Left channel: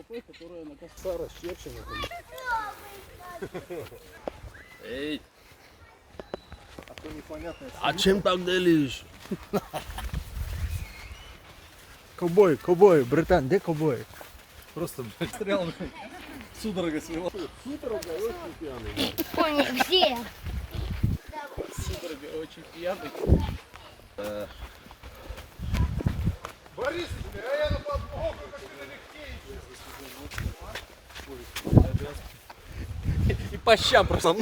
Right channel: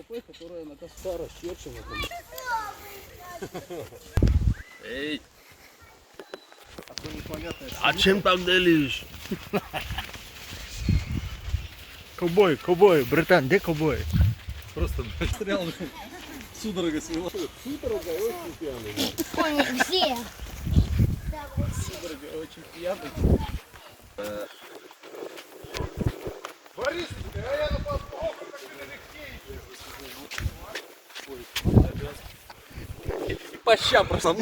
КПП, которая на косца расчерчена. Эй! А то непонятно. А чем так делишь? Ковбой, ковбой, братан, где ковбой? Просто застрял. Судорога свела. Судорога очень пьяный. Понял, все. Судорога очень пьяный. Борис, а я на подмогу, как ты налегке. И по щам просто.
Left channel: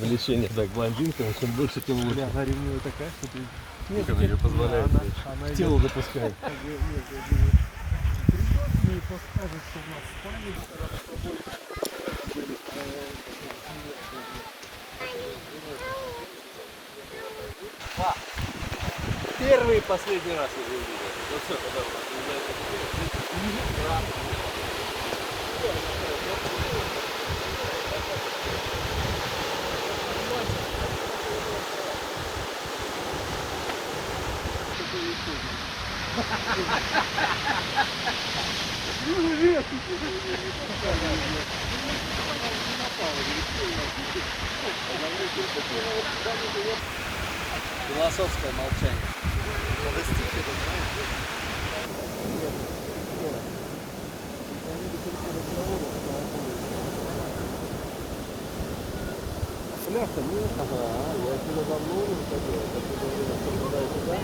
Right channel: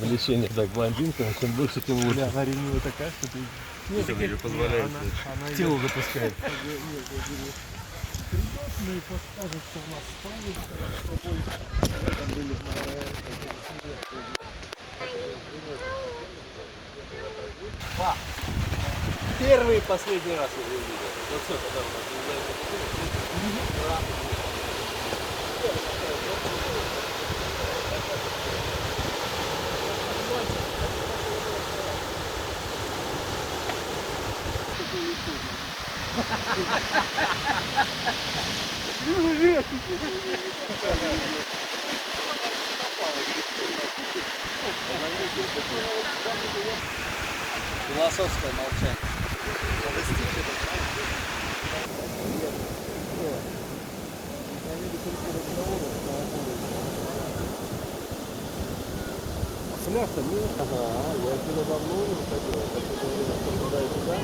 Лечение, так, блондинка, но чем больше, тем лучше. Она ревнивая такая, что ты... Это не позволяет. Тело запускает. Мне подскажут, что у нас спальня, когда мы с тобой там были. Первый и последний раз я ее видел. Вот все, когда у нас Философское молчание. Фляж-то нет. Ага, я сюда давно не выходил. Я последнее время попадаю туда.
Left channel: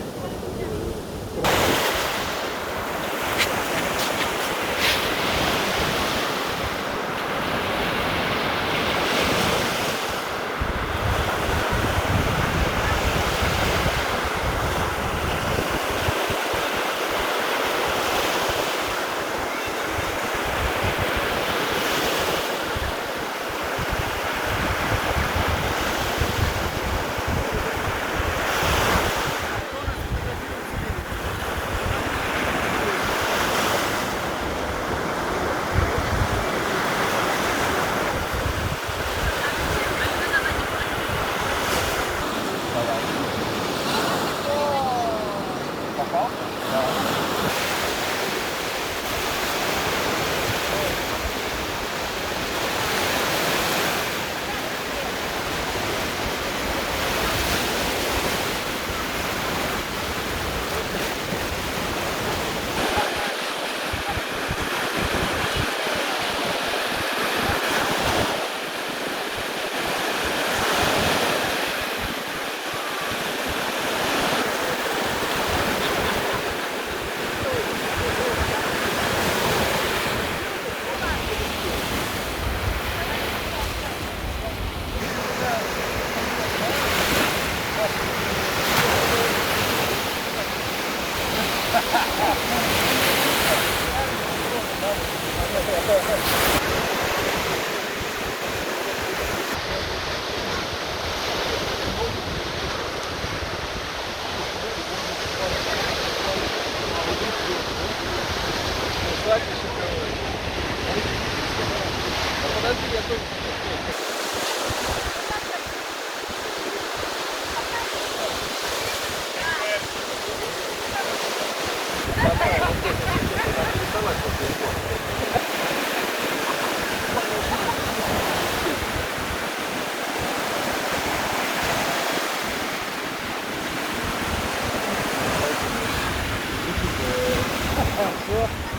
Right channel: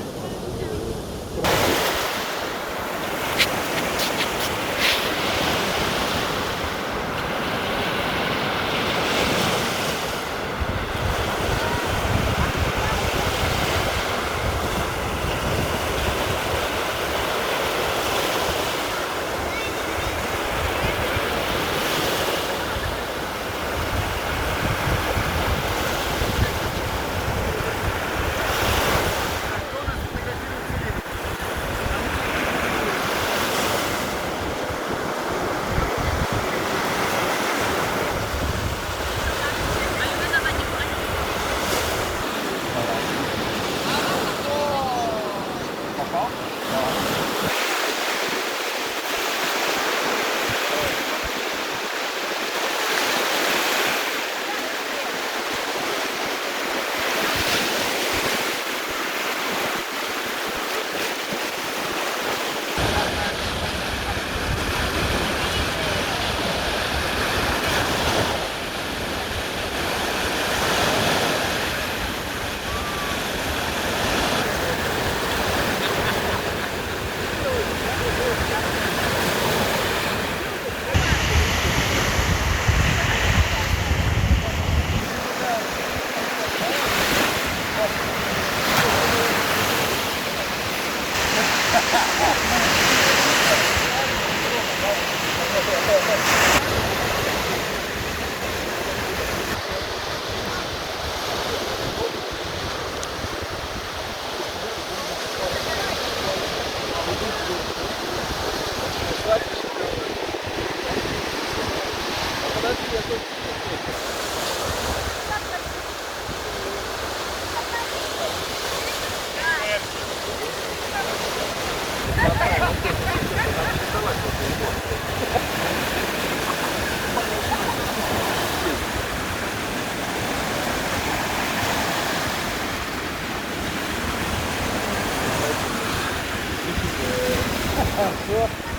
Все.